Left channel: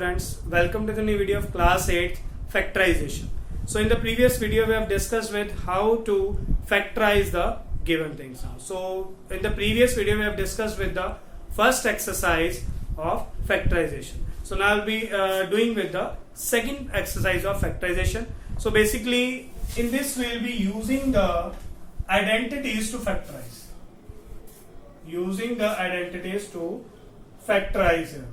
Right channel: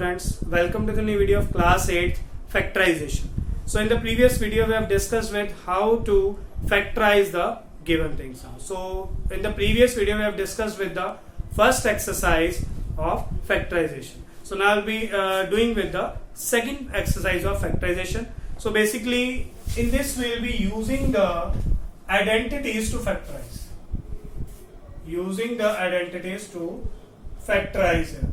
students, welcome to the new video of class 8 factorization. So in the previous video we have discussed with how to factorize the given things now. So in the previous video we have discussed with the first exercise of factorization. So now I'll be doing with the second exercise of factorization. So basically in this we will be using the identities to factorize. Using the identities to factorize here.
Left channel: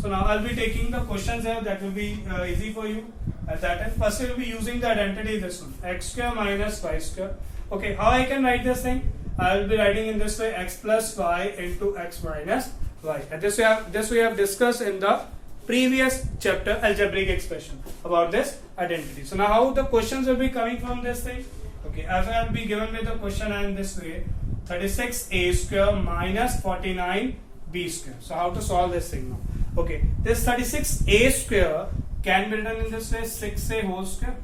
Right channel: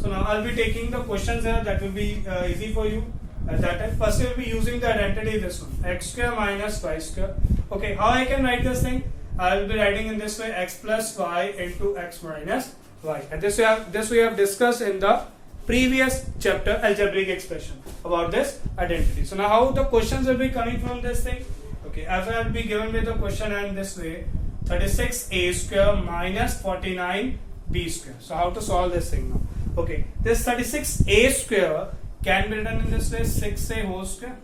So now I'll be taking the questions here that will be easy for you at that time. First we'll be using the identity this one, x square minus y square. Okay, how I can write this thing? I will be writing in this way, x plus y into x minus y. And this we have discussed in the previous chapter algebraic expression about this identity. So now how the questions will be coming from this thing? Okay, as I will be given with the question and this way, 36a square minus 49b square. So how to solve this thing now? Okay, this 36a square can be written in this way, 6a whole square.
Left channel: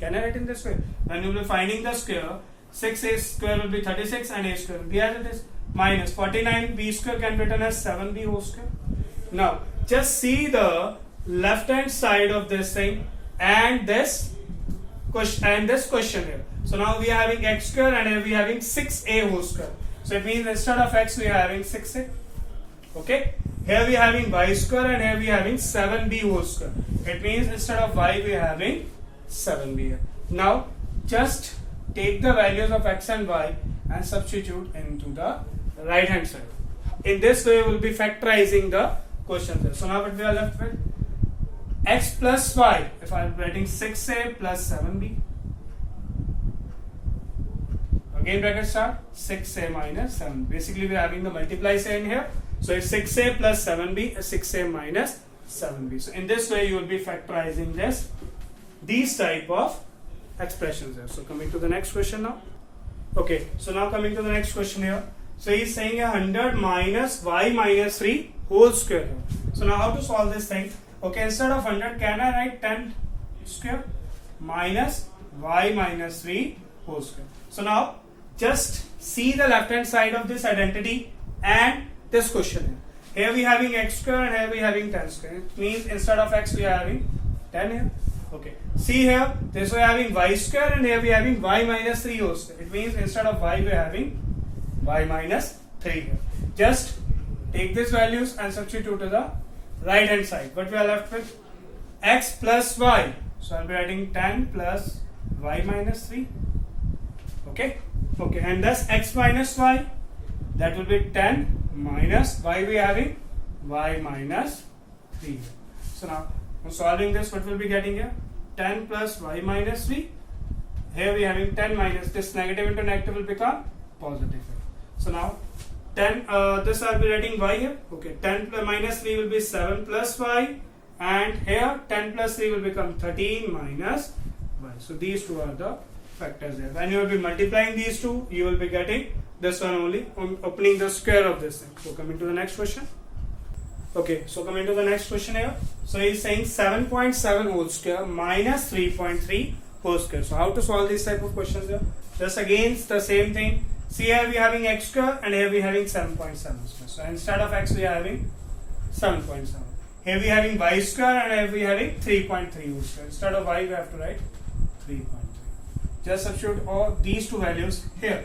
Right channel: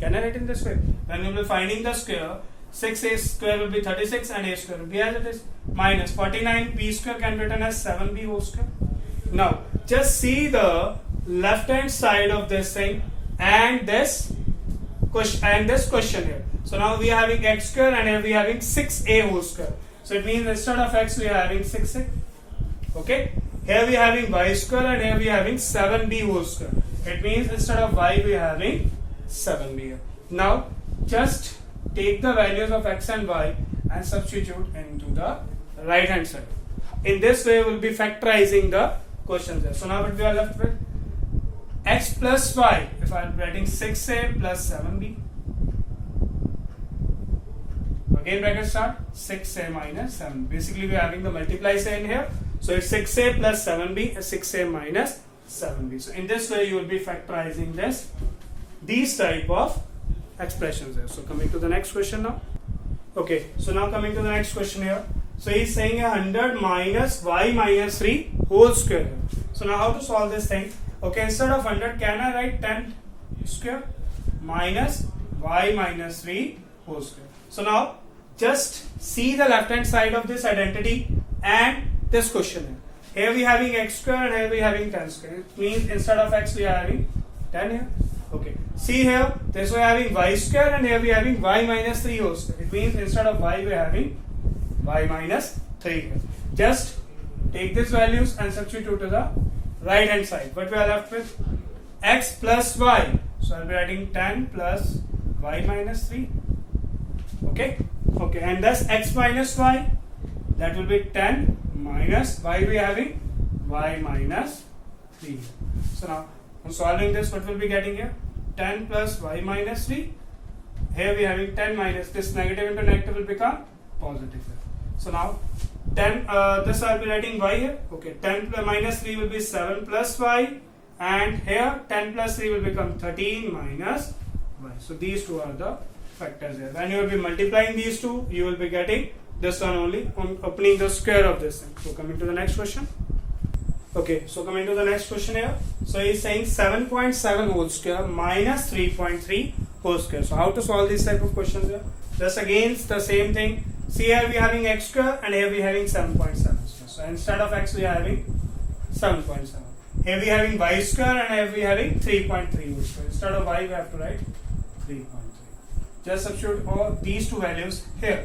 Can I write in this way? When we will be finding the square, 6a square will be 36 and a square will be as it is. Minus 49b square can be written as 7b whole square. Now, just see the left hand side of this thing and this question here. So now we are having x square and we are having 6a whole square. So it means instead of x we are having 6a. Okay. Here we are having y square and here we are having 7b whole square. It means instead of y we are having 7b here. Now just take the values of x and y and substitute into the right hand side. In this way we will be factorizing the questions there. So now what we are left with? X plus y. If I am writing 6a plus 7b. Again bracket start, 6a minus 7. Basically we are having the multiply sign here. So it's 6a plus 7b is 6a minus 7b. So in this way you will be factorizing these type of expressions here. So coming to the next question now. Okay, so now coming to the next question here. So he's saying 100 minus y minus 3 whole square here. So now how to solve this thing? Okay, instead of 100 can I write 10 square minus y minus 3 whole square. So now just see the left hand side of this identity and this question here. Here we are having x square and here we are having 10 square. It means instead of x we are having 10 here. Okay. See here, this we are having y square and here we are having y minus 3 whole square. It means instead of y we are having y minus 3 here. Just take these values and substitute to the right hand side. What we are left with? X plus y. So I will be writing 10 plus y minus 3. Okay. Okay. And thus x minus y. That will be 10 minus y we are having y minus 3. So now on solving this, what will be getting here? 10 plus y minus 3. Here we are having 10 minus this negative into negative will become positive. So now 10 this I will be writing y here. Okay, 10 minus 3 will be 7 plus y, and here 10 plus 3 will become 13 minus y. So these two are the factors here. When you will be multiplying these two, you will be getting this one only on opening the square of this thing. So coming to the next question. Okay, so coming to the next question here. So he is saying 7.7 whole square minus 3.3 whole square. So how to solve these type of questions here? Just again the same thing. See here we are having x square and here we are having 7.7 square. So instead of x we are having 7.7. Here we are having y square and here we are having 3.3 whole square. Instead of y we have to write 3.3. Just substitute all these two values here.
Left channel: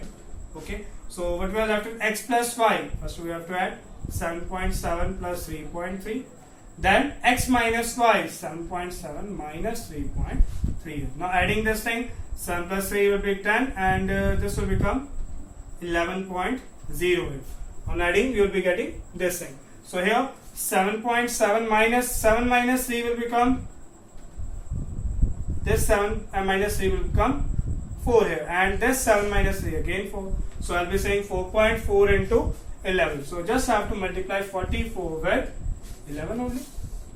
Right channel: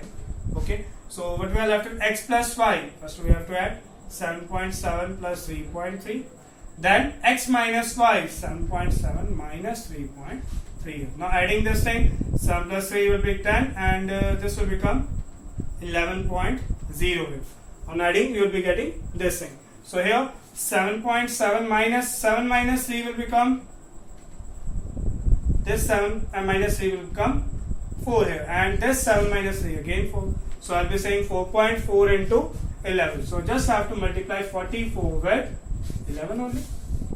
Okay. So what we are left with? X plus y. First we have to add 7.7 plus 3.3. Then x minus y, 7.7 minus 3.3. Now adding this thing, 7 plus 3 will be 10 and this will become 11.0. On adding you will be getting this thing. So here 7.7 minus 7 minus 3 will become this 7 and minus 3 will become 4 here, and this 7 minus 3 again 4. So I'll be saying 4.4 into 11. So just have to multiply 44 with 11 only.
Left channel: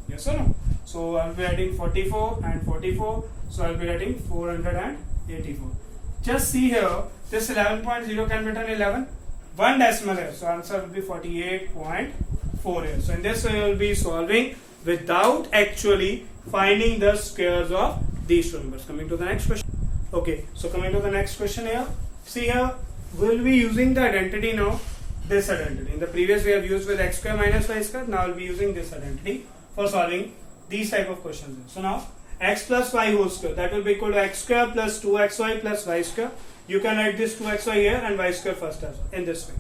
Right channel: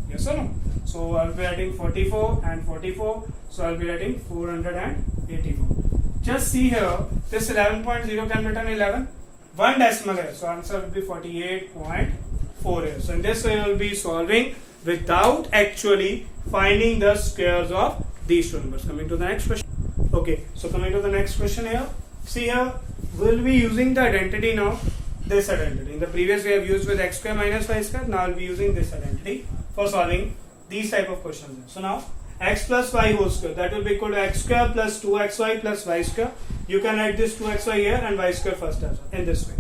Yes or no? So I'll be adding 44 and 44. So I'll be writing 484. Just see here, this 11.0 can be written 11. One decimal here. So answer will be 48.4 here. So in this way you will be solving without actually finding the squares of these two numbers. Coming to the next question. Okay, so coming to the next question here. See here, we will be using the identity now this identity. In the previous we have used with x square minus y square. Now I'll be using this identity for solving these type of questions. So now x plus y whole square, that will be equal to x square plus 2xy plus y square. You can write this 2xy here and y square first as well, in this way.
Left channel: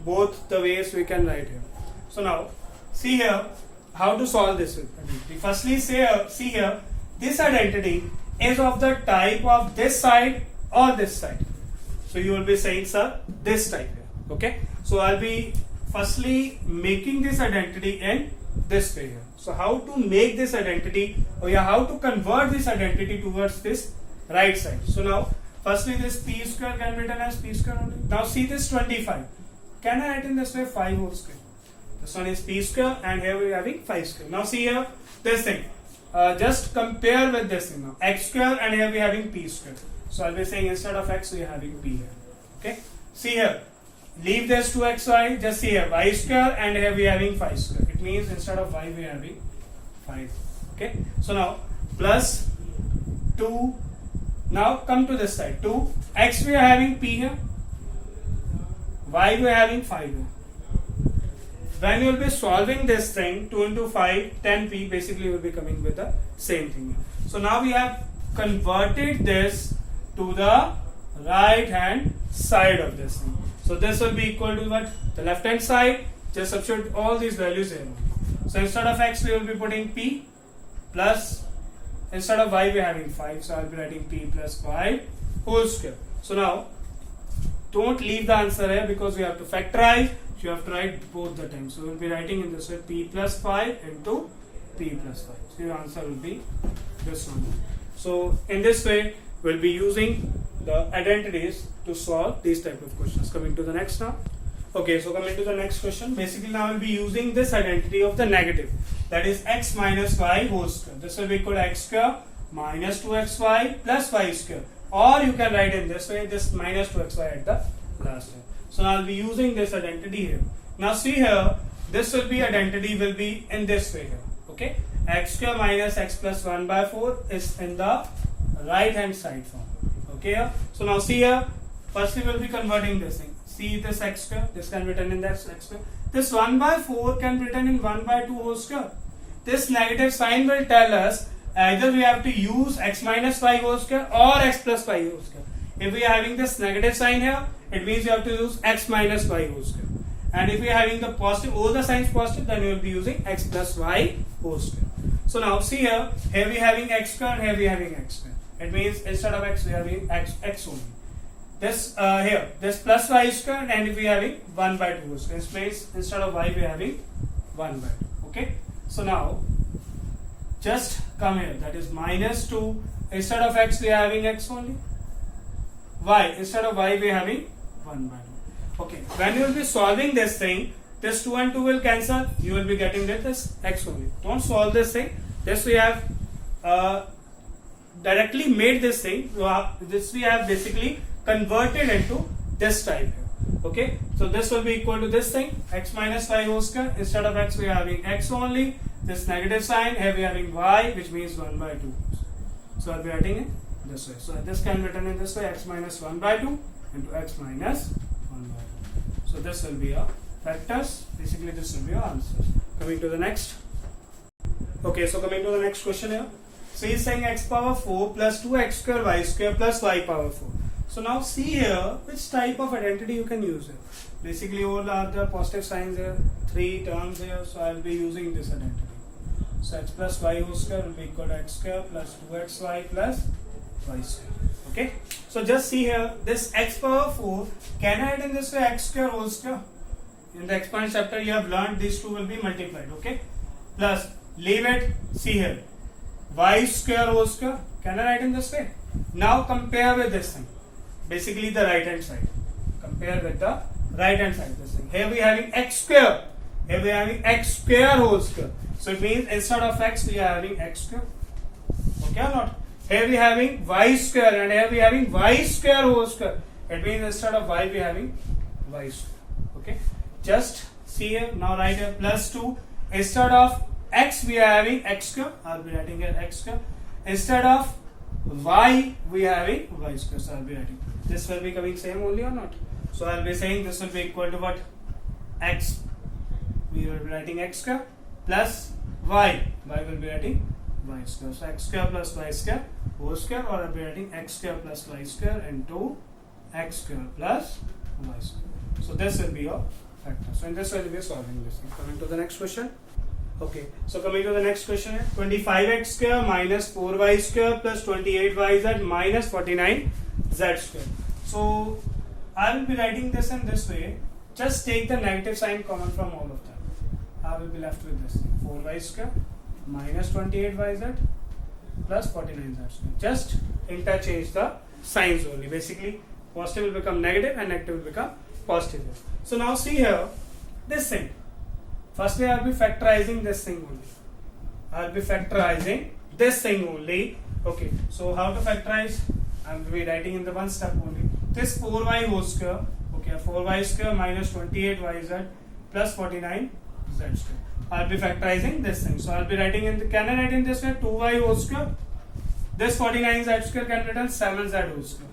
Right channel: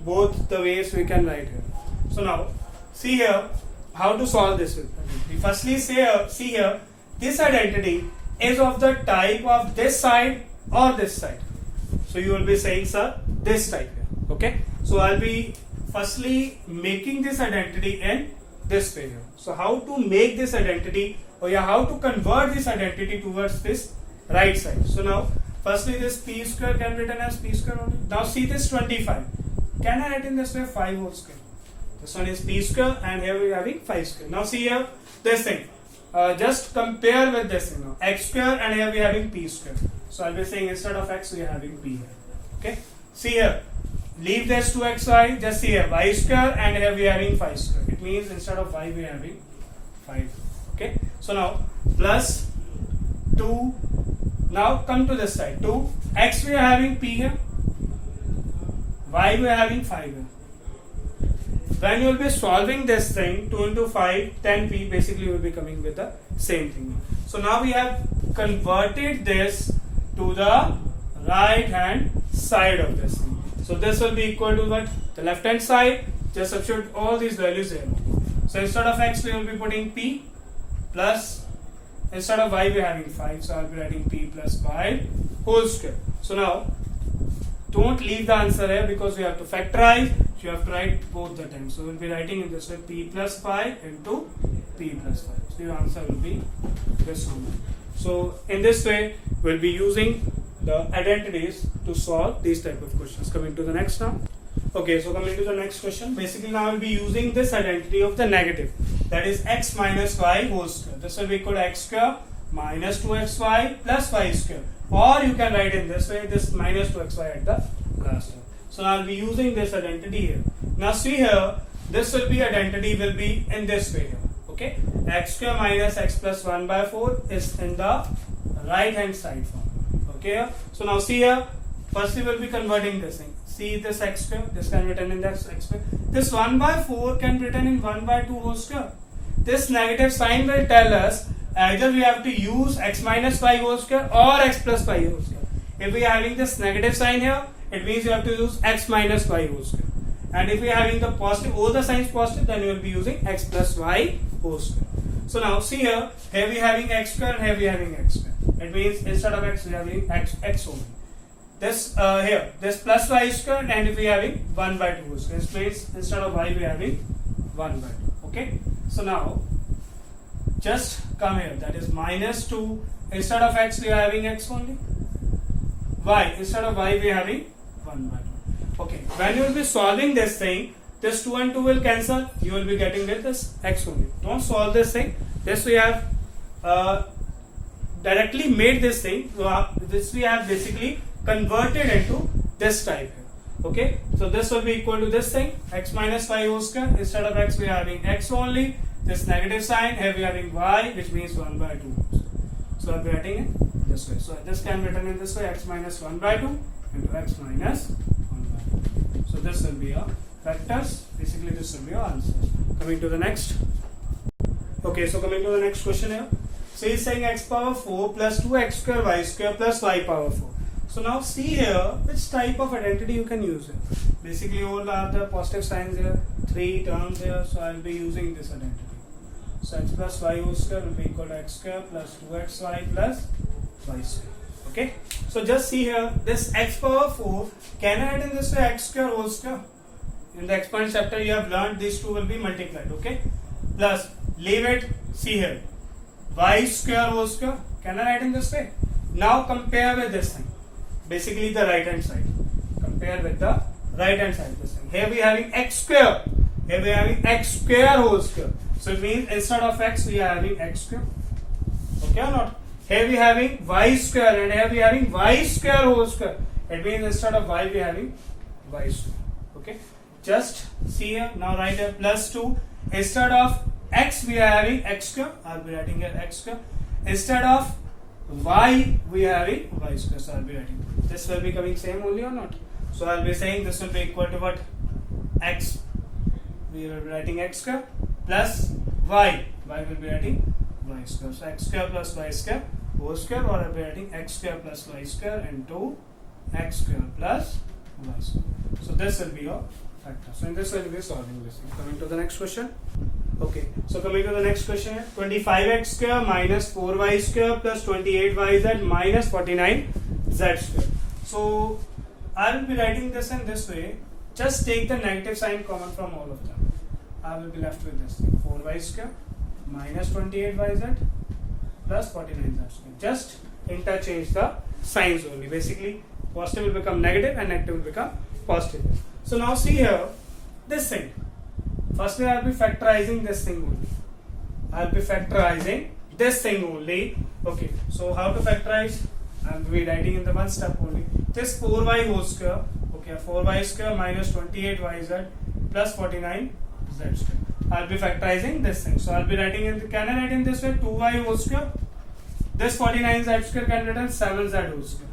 Both the ways we can write here. So now see here how to solve this identity. Firstly see here, this identity is of the type of this side or this side. So you will be saying, sir, this type here. Okay. So I'll be firstly making this identity in this way here. So how to make this identity, or how to convert this identity towards this right side. So now firstly this p square can be written as p square only. Now see this 25. Can I write in this way 5 whole square? This one is p square and here we are having 5 square. Now see here this thing. Just compare with this thing now. X square and here we are having p square. So I'll be saying instead of x we are having p here. Okay. See here. Leave this 2xy. Just see here y square and here we are having 5 square. It means instead of y we are having 5. Okay. So now plus 2. Now come to this side. 2 x we are having p here. Y we are having 5 here. When you will be solving this thing, 2 into 5, 10p, basically you will be coming with the same thing. So now we have converted this to the right hand side of this thing. So this will be equal to what? The left hand side. Just substitute all these values here. So instead of x we will be putting p plus, instead of y we are having 5. So I will be writing p plus 5 whole square. So now don't leave the answer here because we have to factorize. You have to write both the times. So we will be writing in this way p plus 5 into p plus 5. So your answer will be this one. So in this way we will be using the identities to solve these type of questions. Coming to the next now. Okay, so coming to the next question. Basically now I will be using this identity of the negative. That is x minus y whole square. This will be equal to x square minus 2xy plus y square. Or you can write in this way, this minus 2xy at the last time. So I'll be using this identity here. Now see here, this will be identity will be in this way here. Okay, x square minus x plus 1 by 4 is in the right hand side form. Okay, so now see here, first we will be converting this thing. See this x square, this can be written in that x square. This 1 by 4 can be written in 1 by 2 whole square. This negative sign will tell us either we have to use x minus y whole square or x plus y whole square. If we are having this negative sign here, it means you have to use x minus y whole square. And if we are having the positive, all the signs positive, then we will be using x plus y whole square. So now see here we are having x square and here we are having x square. It means instead of x we are having x only. This here, this plus y square, and if we are having 1 by 2 whole square, it means instead of y we are having 1 by 2. Okay. So now just come here, that is minus 2. Instead of x we are having x only. Y, instead of y we are having 1 by 2. Okay, when you will be solving this thing, this 2 and 2 will cancel. You will be getting with this x only. Don't solve this thing. This we have directly made this thing. This we have basically converted into this type. Okay, so this will be equal to this thing, x minus y whole square. Instead of x we are having x only. This negative sign, here we are having y, which means 1 by 2. So I'll be writing it this way. So this can be written in this way, x minus 1 by 2 into x minus 1 by 2. So this will be our factors. Basically this will be our answers. Coming to the next. Okay, so coming to the next question here. So he's saying x power 4 plus 2x square y square plus y power 4. So now see here which type of identity you can use here. Basically all are the positive signs here, 3 terms here. So I'll be using this identity. So x plus y whole square will be equal to x square plus 2xy plus y square. Okay. So just see here, this x power 4, can I write in this way x square whole square? In the exponent chapter you have learned these two will be multiplied. Okay. Plus, leave it, see here, y square whole square. Can I write in this way? Now compare with this thing. Basically the right hand side. Compare with the right hand side of this thing. Here we are having x square. Here we are having x square whole square. So it means instead of x we are having x square. Okay or not? Here we are having y square and here we are having y square whole square. It means instead of y we are having y square. Okay. Just see here. Now write here plus 2. Instead of x we are having x square. I'll be writing here x square. Instead of y we are having y square. So I'll be writing. This will be coming same only or not? So I'll be saying this will be equal to what? x, we will be writing x square plus y will be writing y square. So x square plus y square whole square, or I will be writing x square plus y square into x square plus y square. So this will be your factor. So in this way we are solving this. Coming to the next question. Okay, so coming to the next question, 25x square minus 4y square plus 28yz minus 49z square. So I will be writing this in this way. Just take the negative sign common from all of them. I will be left with this 4y square minus 28yz plus 49z square. Just interchange the signs only. Basically, positive will become negative and negative will become positive. So now see here, this thing. Firstly, I will be factorizing this thing only. I will be factorizing this thing only. Okay, so how to factorize? I will be writing in the one step only. This 4y whole square, okay, 4y square minus 28yz plus 49z square. I will be factorizing this thing. So I will be writing in the, can I write in this way 2y whole square? This 49z square can written 7z whole square.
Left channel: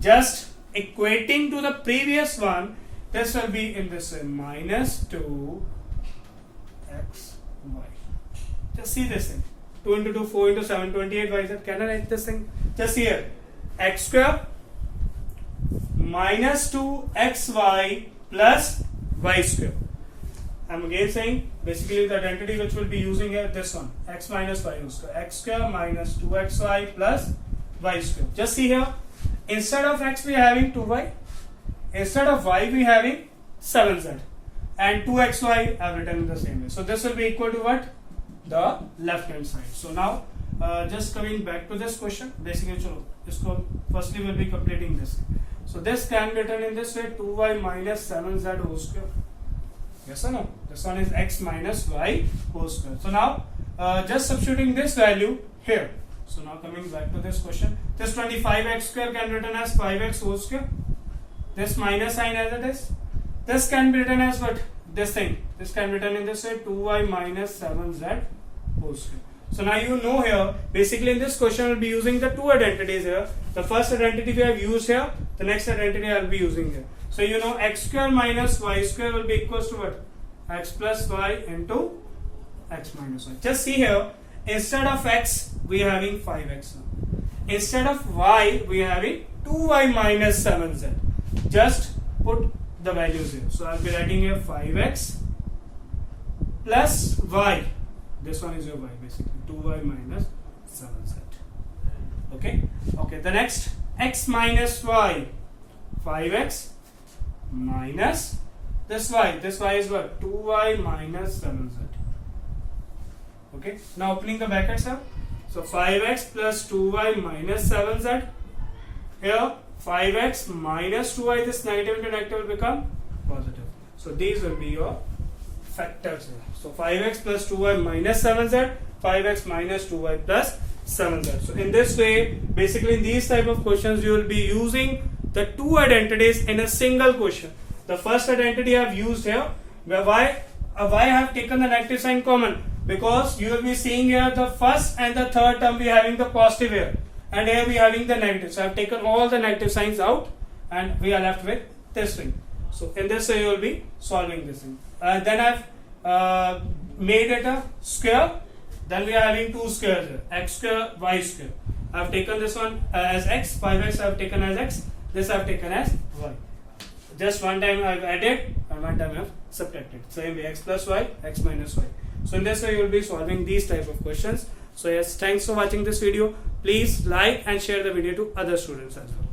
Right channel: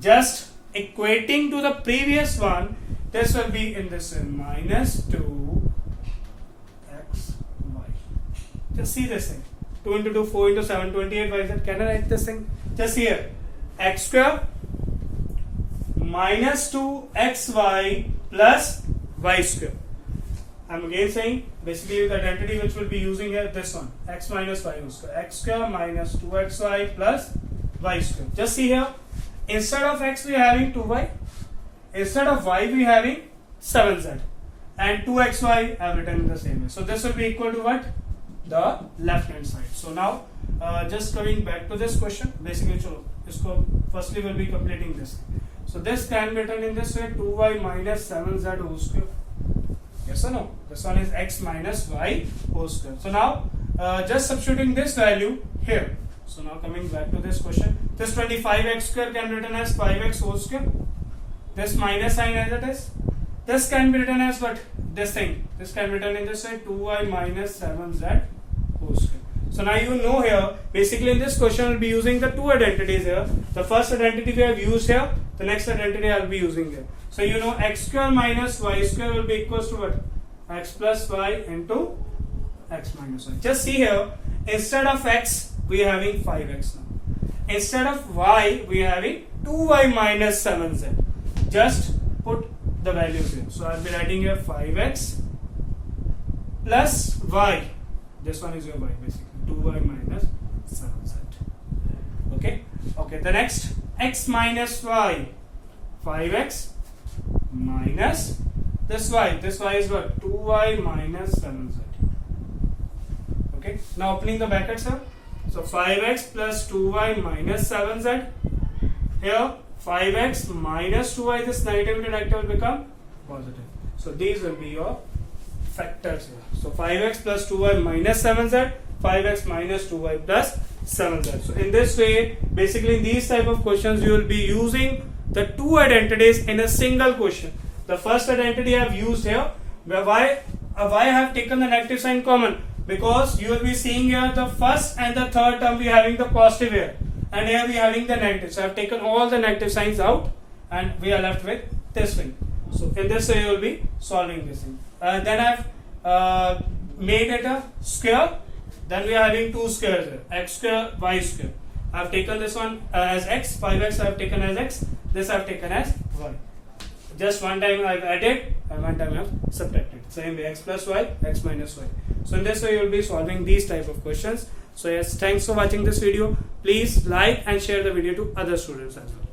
Just equating to the previous one, this will be in this way minus 2 x y. Just see this thing. 2 into 2, 4 into 7, 28 y z. Can I write this thing? Just here. X square minus 2 xy plus y square. I am again saying basically the identity which will be using here, this one, x minus y whole square. X square minus 2xy plus y square. Just see here. Instead of x we are having 2y. Instead of y we are having 7z. And 2xy I have written in the same way. So this will be equal to what? The left hand side. So now just coming back to this question, basically firstly we will be completing this. So this can be written in this way 2y minus 7z whole square. Yes or no? This one is x minus y whole square. So now just substituting this value here. So now coming back to this question, this 25x square can be written as 5x whole square. This minus sign as it is. This can be written as what? This thing. This can be written in this way 2y minus 7z whole square. So now you know here, basically in this question we'll be using the two identities here. The first identity we have used here, the next identity I will be using there. So you know x square minus y square will be equals to what? X plus y into x minus y. Just see here, instead of x we are having 5x now. Instead of y we are having 2y minus 7z. Just put the values here. So I will be writing here 5x plus y. This one is your y basically. 2y minus 7z. Okay. Okay. The next x minus y. 5x minus this y. This y is what? 2y minus 7z. Okay. Now opening the brackets here. So 5x plus 2y minus 7z. Here 5x minus 2y, this negative into negative will become positive. So these will be your factors here. So 5x plus 2y minus 7z, 5x minus 2y plus 7z. So in this way, basically in these type of questions, you will be using the two identities in a single question. The first identity I have used here, where why I have taken the negative sign common, because you will be seeing here the first and the third term we are having the positive here. And here we are having the negative. So I have taken all the negative signs out and we are left with this thing. So in this way you will be solving this thing. Then I have made it a square. Then we are having two squares here. X square, y square. I have taken this one as x. 5x I have taken as x. This I have taken as y. Just one time I have added and one time I have subtracted. Same way x plus y, x minus y. So in this way you will be solving these type of questions. So yes, thanks for watching this video. Please like and share the video to other students as well.